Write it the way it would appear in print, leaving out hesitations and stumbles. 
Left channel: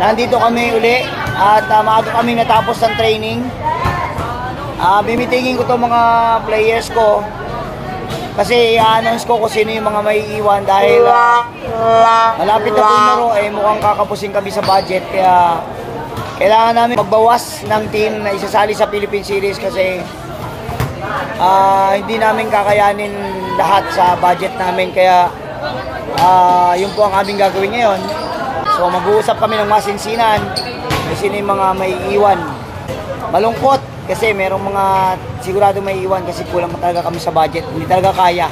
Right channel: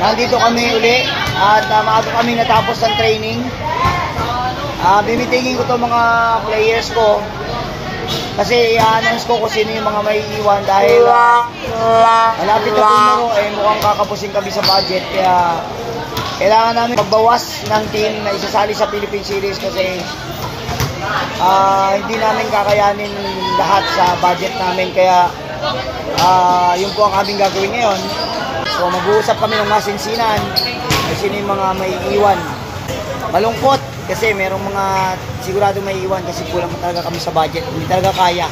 Nandito kami uli at maaga kami natapos ng training. Bimitingin ko to mga players ko kasi i-announce ko kung sino yung mga may iwan dahil malapit na po yung laro, mukhang kakapusin kami sa budget, kaya kailangan namin magbawas ng team na isasali sa Philippine Series kasi hindi namin kakayanin lahat sa budget namin, kaya yun po ang aming gagawin ngayon. So mag-uusap kami ng masinsinan kung sino yung mga may iwan. Malungkot kasi merong mga sigurado may iwan kasi kulang talaga kami sa budget, hindi talaga kaya.